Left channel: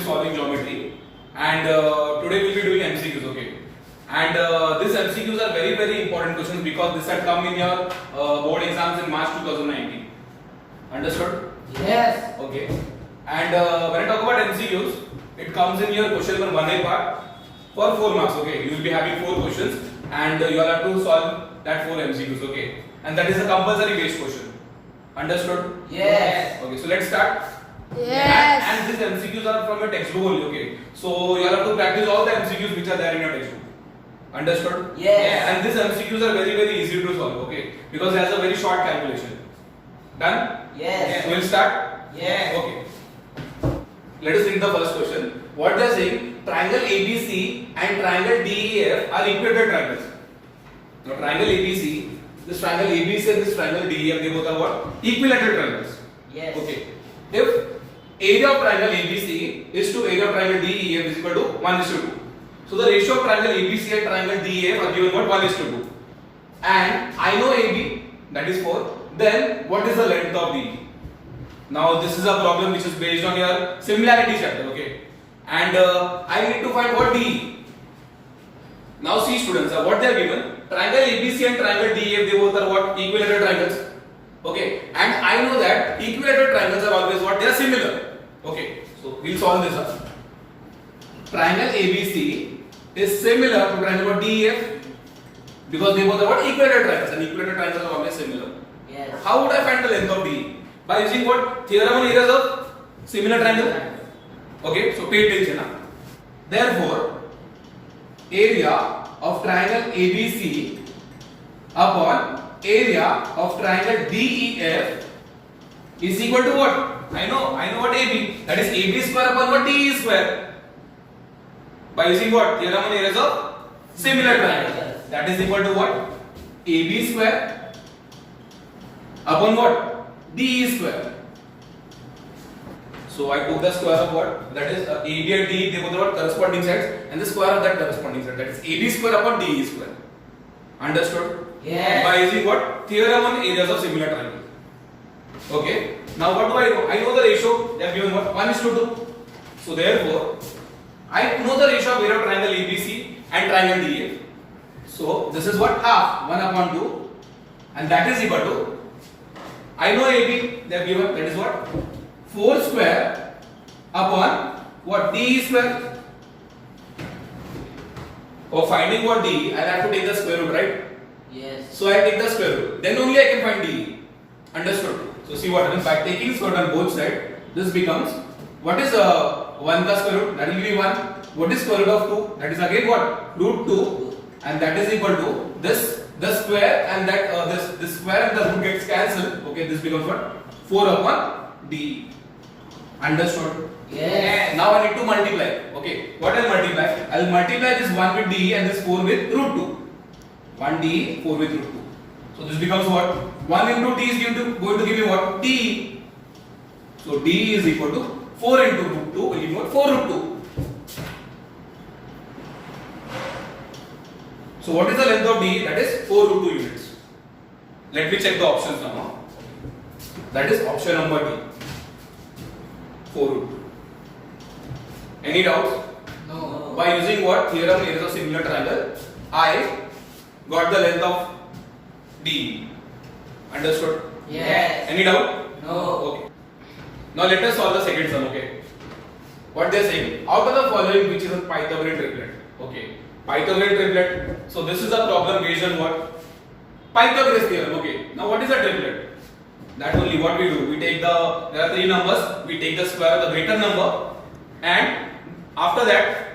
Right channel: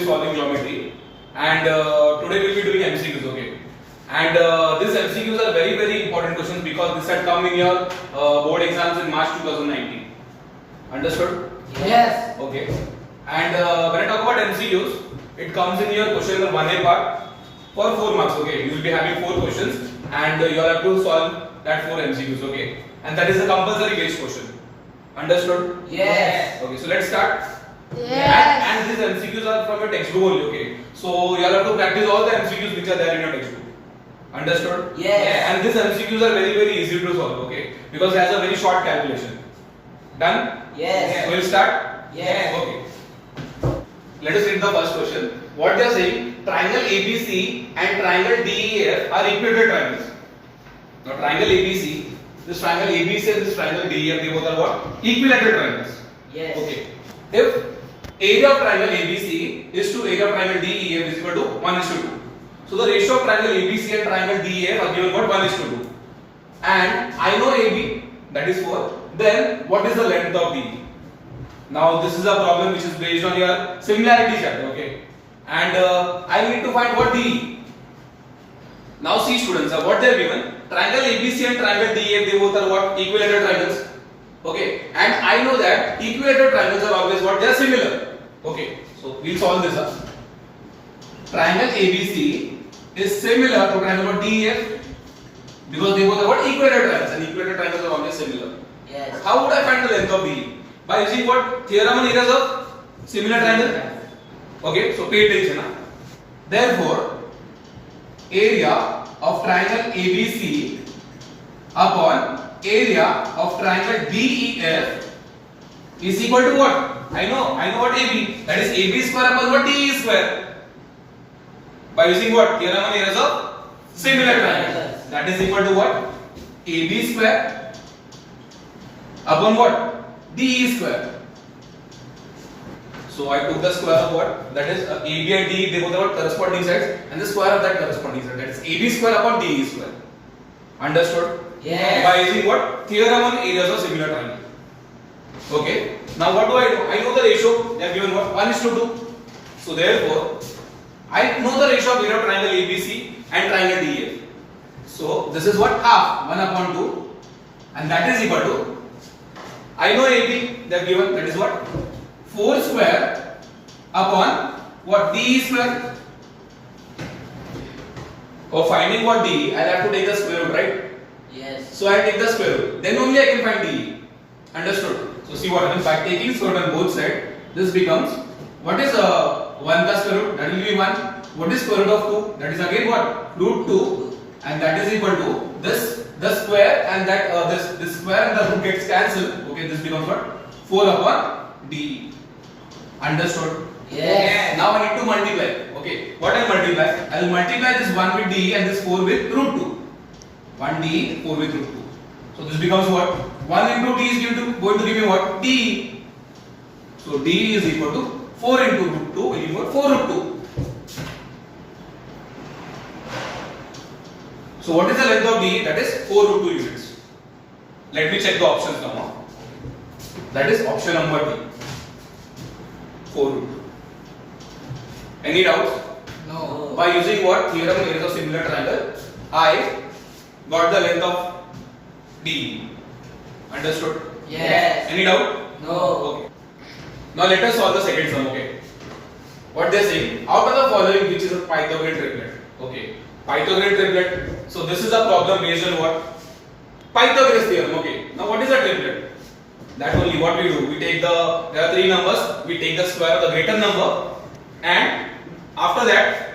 be solving geometry, and today we'll be doing MCQs. Okay, and these MCQs are very important questions because this had come in your board exams in March 2019. Understood? Yes. Okay. And when I talk about MCQs, it comes in your question number 1A part for 4 marks. Okay, you will be having 4 questions, and you will have to solve that 4 MCQs. Okay, and that is a compulsory based question. Understood? Yes. Okay, so let's start. Yes. And these MCQs are from your textbook only. Okay, so you have to practice all the MCQs which are there in your textbook. Understood? Yes. And these MCQs are very easy to solve. Okay, because there's a very short calculation. Done? Yes. We'll start. Yes. Okay. Let us read the first question. What they are saying: triangle ABC and triangle DEF are equilateral triangles. Now, triangle ABC, this triangle ABC and this triangle DEF, they both are what? Equilateral triangles. Yes. Okay. If area of triangle ABC is to area of triangle DEF is equal to 1:2. So the ratio of triangle ABC and triangle DEF are given what? 1:2. And I know AB, that is 4. Then what is the length of DE? Now this is a problem which is based on your similarity chapter, okay? And I need to find what DE. Now see students, what they are given: triangle ABC and triangle DEF, they both are what? Equilateral triangles. Okay, and I know that equilateral triangles are always what? They are similar. Okay, so we'll solve this up. Triangle ABC is similar to triangle DEF because they both are what? Equilateral triangles, and equilateral triangles are always similar. Yes. How would I find the length of DE? By using what? Theorem on areas of similar triangle. Okay, so pay attention. Therefore, area of triangle ABC upon area of triangle DEF is equal to what? I know what AB. That is AB square upon what? DE square. By using what? Theorem on areas of similar triangle. That is equal to what? AB square upon what? DE square. So I took the square of what? That is AB and DE, they both are what? Corresponding sides, and the square of that corresponding side. That is AB square upon DE square. Understood? Yes. By using what? Theorem on areas of similar triangle. Okay. Now what do I know? I know the ratio. They are given what? 1:2. So therefore, I know the ratio of area of triangle ABC and triangle DEF. So this is what? Half 1/2, and that is equal to, I know AB, they are given, that is what? 4 square upon what? DE square. For finding what DE, I have to take the square root, right? Yes. So I take the square root. Then only I can find DE. Understood? So see what happens by taking square root on both sides. This becomes, what is 1 plus square root? That will be 1. What is square root of 2? That is again what? Root 2, and that is equal to this. The square and that this square and the root gets cancelled. Okay, this becomes what? 4 upon DE. Understood? Yes. Now I need to multiply. Okay, what I'll multiply? I'll multiply this 1 with DE and this 4 with root 2. 1 DE, 4 with root 2. So this becomes what? 1 into D is going to give me what? DE. So DE is equal to 4 into root 2 will give me what? 4 root 2. So what is the length of DE? That is 4 root 2 units. Let me check the options now. That is option number D. 4 root 2. Any doubts? No. By using what? Theorem on areas of similar triangle, I got the length of DE. Understood? Yes. Any doubt? No. Okay. Now let us solve the second sum. Okay. What they are saying? Out of the following, which is a Pythagorean triplet? Okay. Pythagorean triplet. So this is a problem based on what? Pythagoras theorem. Okay. Now what is a triplet? That only what we do. We take there are 3 numbers. We take the square of the greater number, and after that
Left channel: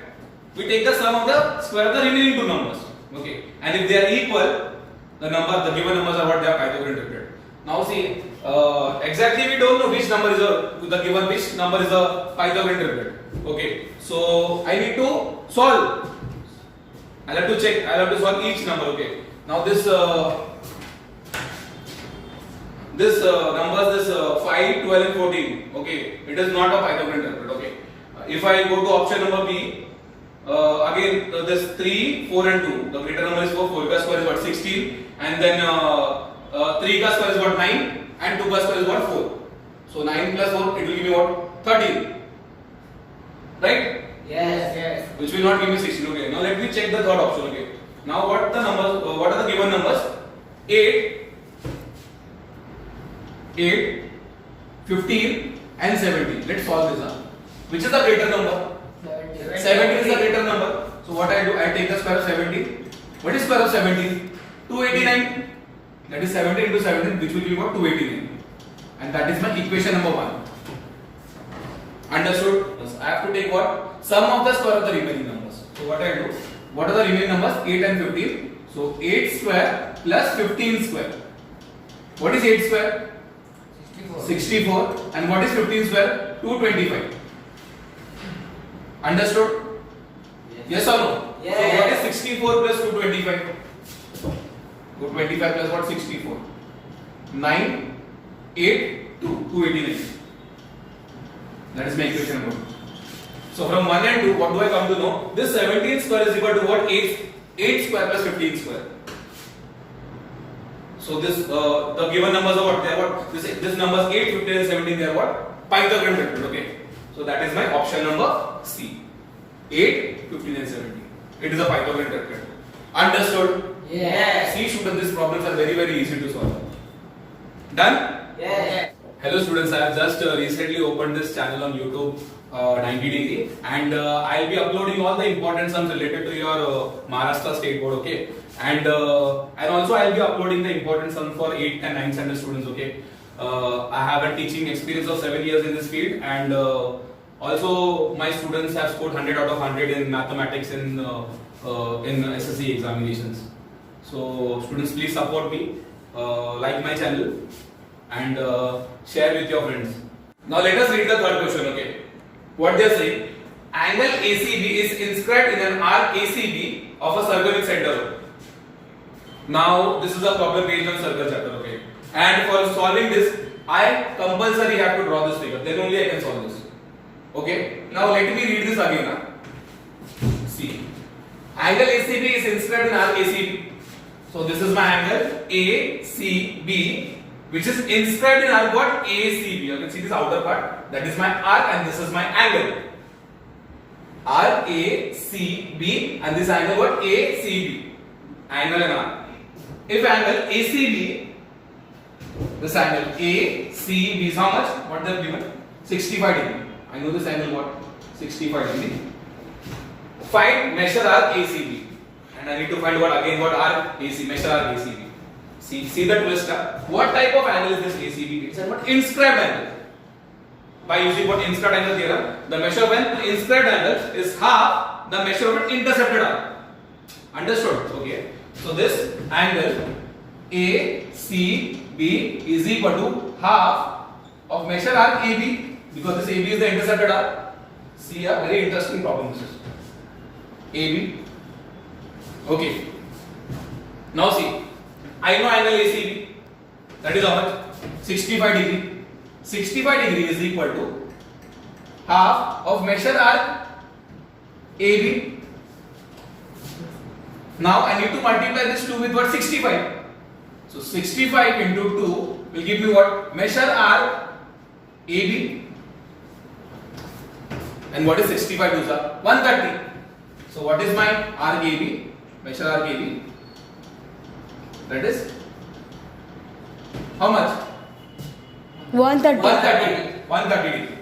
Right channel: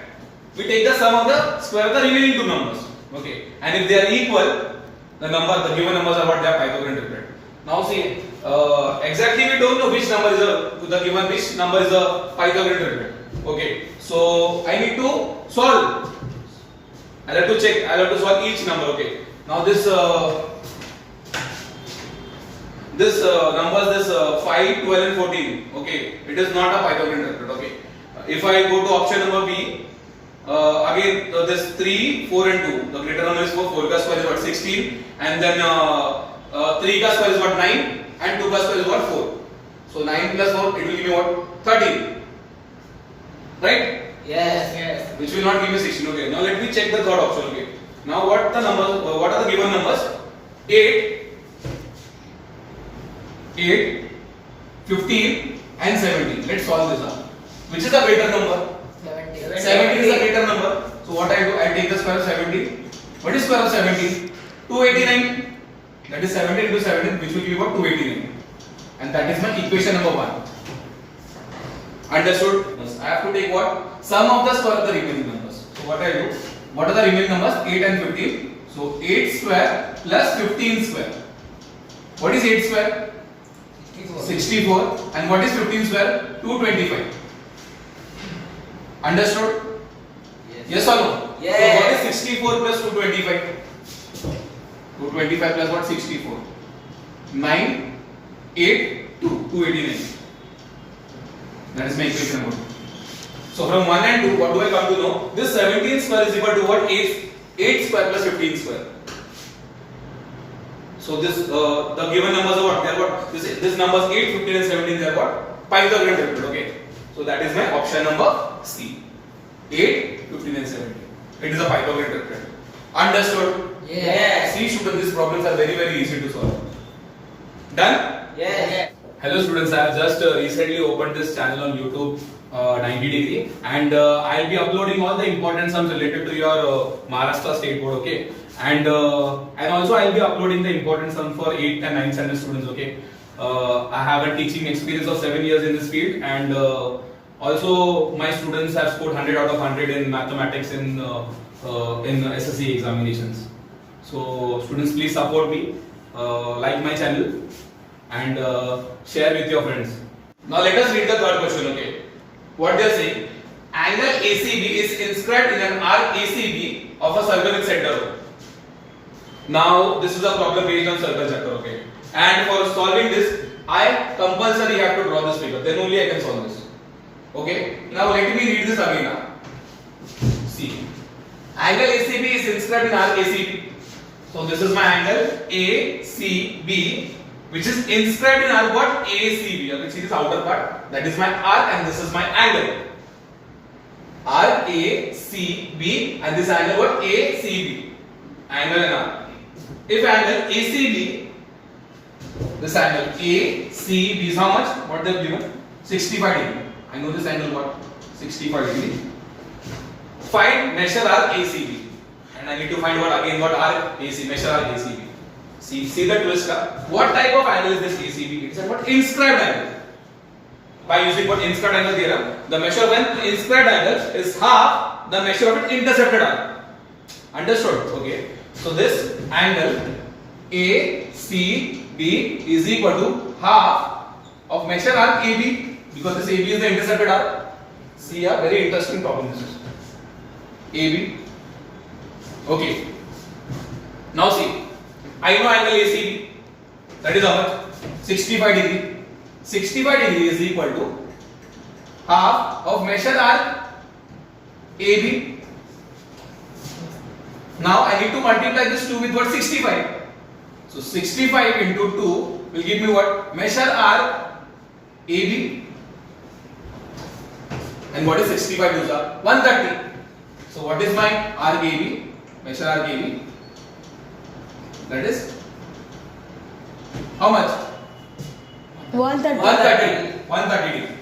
we take the sum of the square of the remaining 2 numbers. Okay. And if they are equal, the given numbers are what? They are Pythagorean triplet. Now see, exactly we don't know which number is which number is a Pythagorean triplet. Okay. So I need to solve. I have to check. I have to solve each number. Okay. Now this numbers, this 5, 12 and 14. Okay. It is not a Pythagorean triplet. Okay. If I go to option number B, again this 3, 4 and 2. The greater number is 4. 4 ka square is what? 16. And then 3 ka square is what? 9. And 2 ka square is what? 4. So 9 plus 4, it will give me what? 13. right? Yes. Which will not give me 16. Okay, now let me check the third option. Okay, now what the numbers? What are the given numbers? 8, 15, and 17. Let's solve this out. Which is the greater number? 17 is the greater number. So what I do? I take the square of 17. What is square of 17? 289. That is 17 into 17, which will give about 289. And that is my equation number 1. Understood? I have to take what? Sum of the square of the remaining numbers. So what I do? What are the remaining numbers? 8 and 15. So 8 square plus 15 square. What is 8 square? 64. And what is 15 square? 225. Understood? Yes or no? Yes. So what is 64 plus 225? 225 plus what? 64. 9, 8, 2. 289. That is my equation number 2. So from 1 and 2, what do I come to know? This 17 square is equal to what? 8 square plus 15 square. So this the given numbers are what? They are what? This numbers 8, 15 and 17, they are what? Pythagorean triplets. Okay. So that is my option number C. 8, 15 and 17. It is a Pythagorean triplet. Understood? Yes. See students, these problems are very easy to solve. Done? Yes. Hello students, I have just recently opened this channel on YouTube 90 degree, and I'll be uploading all the important sums related to your Maharashtra State Board, okay? And also I'll be uploading the important sums for 8th and 9th standard students, okay? I have a teaching experience of 7 years in this field, and also my students have scored 100 out of 100 in mathematics in SSC examinations. So students, please support me, like my channel, and share with your friends. Now let us read the third question, okay? What they are saying: angle ACB is inscribed in an arc ACB of a circle with center. Now this is a problem based on circle chapter, okay? And for solving this, I compulsory have to draw this figure. Then only I can solve this. Okay? Now let me read this again. See, angle ACB is inscribed in arc ACB. So this is my angle ACB, which is inscribed in arc what? ACB. You can see this outer part. That is my arc, and this is my angle. Arc ACB, and this angle what? ACB. Angle and arc. If angle ACB, this angle ACB is how much? What they have given? 65 degree. I know this angle what? 65 degree. Find measure arc ACB. And I need to find what again? What arc AC? Measure arc ACB. See the twist. What type of angle is this ACB? It is a what? Inscribed angle. By using what? Inscribed angle theorem, the measure of an inscribed angle is half the measure of an intercepted arc. Understood? Okay. So this angle ACB is equal to half of measure arc AB, because this AB is the intercepted arc. See, a very interesting problem this is. AB. Okay. Now see, I know angle ACB. That is how much? 65 degree. 65 degree is equal to half of measure arc AB. Now I need to multiply this 2 with what? 65. So 65 into 2 will give me what? Measure arc AB. And what is 65 to 130. So what is my arc AB? Measure arc AB. That is how much? 130. 130 degree.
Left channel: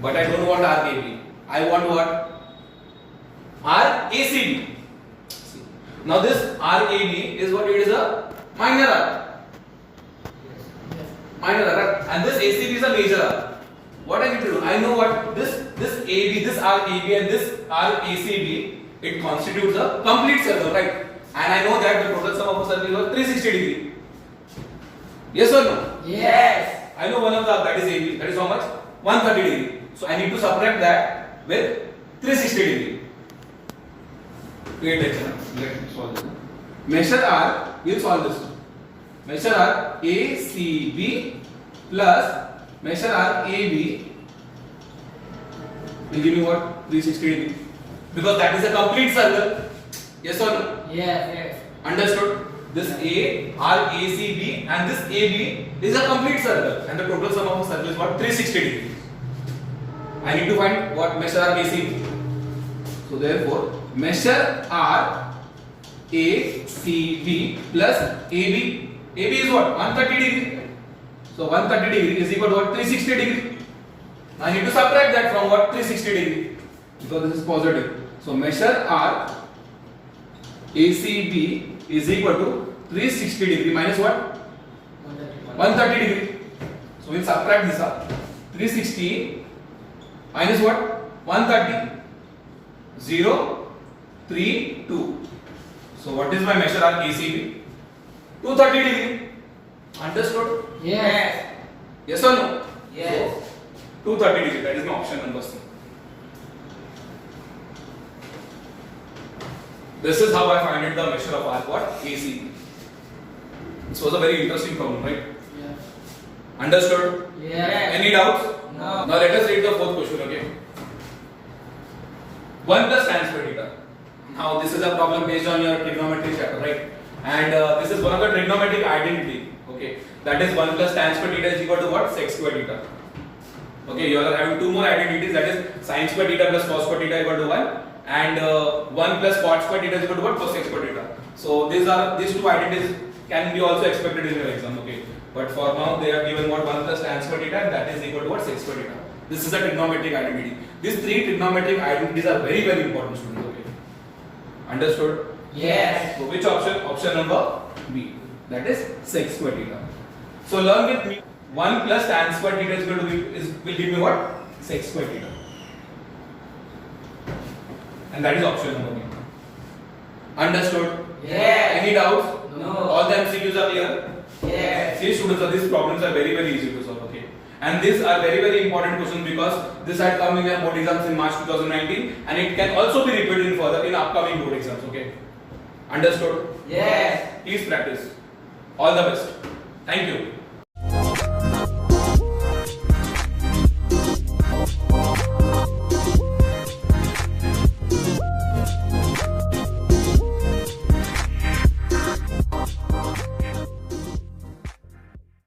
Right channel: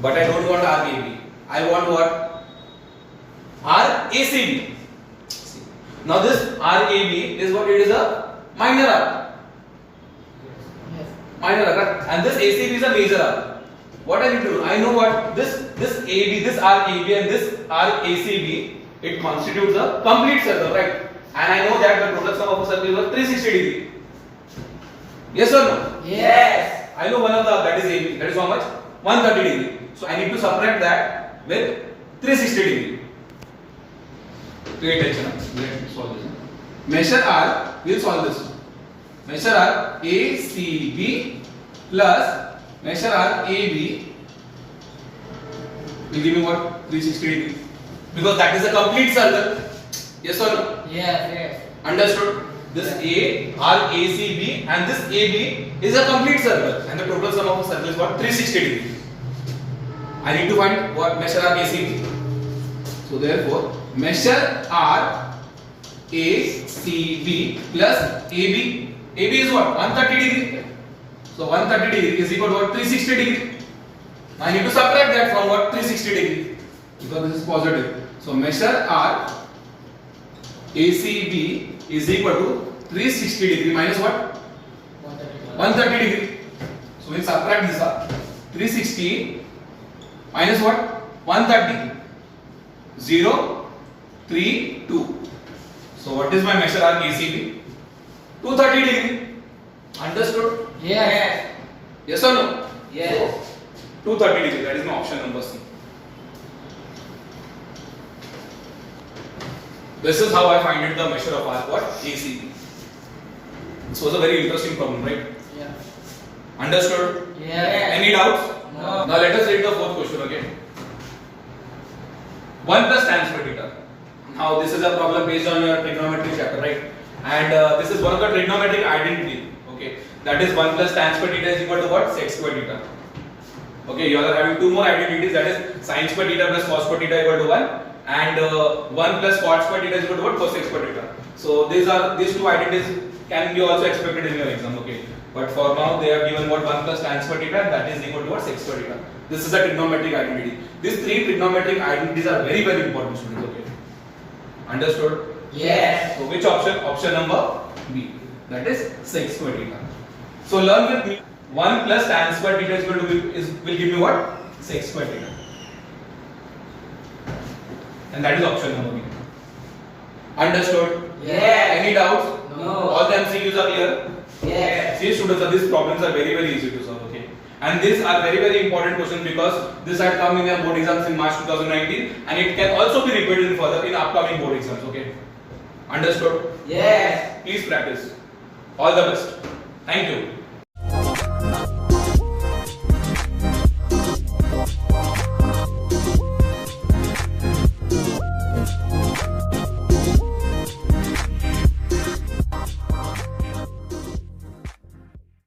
But I don't want arc AB. I want what? Arc ACB. Now this arc AB is what? It is a minor arc. Minor arc. And this ACB is a major arc. What I need to do? I know what this AB, this arc AB and this arc ACB, it constitutes a complete circle, right? And I know that the total sum of a circle is 360 degree. Yes or no? Yes. I know one of the arc, that is AB. That is how much? 130 degree. So I need to subtract that with 360 degree. Pay attention. Let's solve this. Measure arc. We'll solve this. Measure arc ACB plus measure arc AB will give me what? 360 degree. Because that is a complete circle. Yes or no? Yes. Understood? This arc ACB and this AB is a complete circle, and the total sum of a circle is what? 360 degree. I need to find what measure arc ACB. So therefore, measure arc ACB plus AB. AB is what? 130 degree. So 130 degree is equal to what? 360 degree. I need to subtract that from what? 360 degree, because this is positive. So measure arc ACB is equal to 360 degree minus what? 130 degree. So we subtract this up. 360 minus what? 130. 0, 3, 2. So what is my measure arc ACB? 230 degree. Understood? Yes. Yes or no? Yes. So, 230 degree. That is my option number C. This is how I find it the measure of arc what? ACB. This was a very interesting problem, right? Yeah. Understood? Yes. Any doubts? No. Now let us read the fourth question again. 1 plus tan square theta. Now this is a problem based on your trigonometry chapter, right? And this is one of the trigonometric identity. Okay, that is 1 plus tan square theta is equal to what? Sec square theta. Okay, you are having two more identities, that is sin square theta plus cos square theta equal to 1, and 1 plus cot square theta is equal to what? Cosec square theta. So these two identities can be also expected in your exam. Okay, but for now they are given what? 1 plus tan square theta, that is equal to what? Sec square theta. This is a trigonometric identity. These three trigonometric identities are very very important, students. Okay, understood? Yes. So which option? Option number B. That is sec square theta. So learn with me. 1 plus tan square theta is going to will give me what? Sec square theta. And that is option number B. Understood? Yes. Any doubts? No. All the MCQs are clear? Yes. See students, these problems are very very easy to solve. Okay. And these are very very important questions because this had come in your board exams in March 2019, and it can also be repeated further in upcoming board exams. Okay. Understood? Yes. Please practice. All the best. Thank you.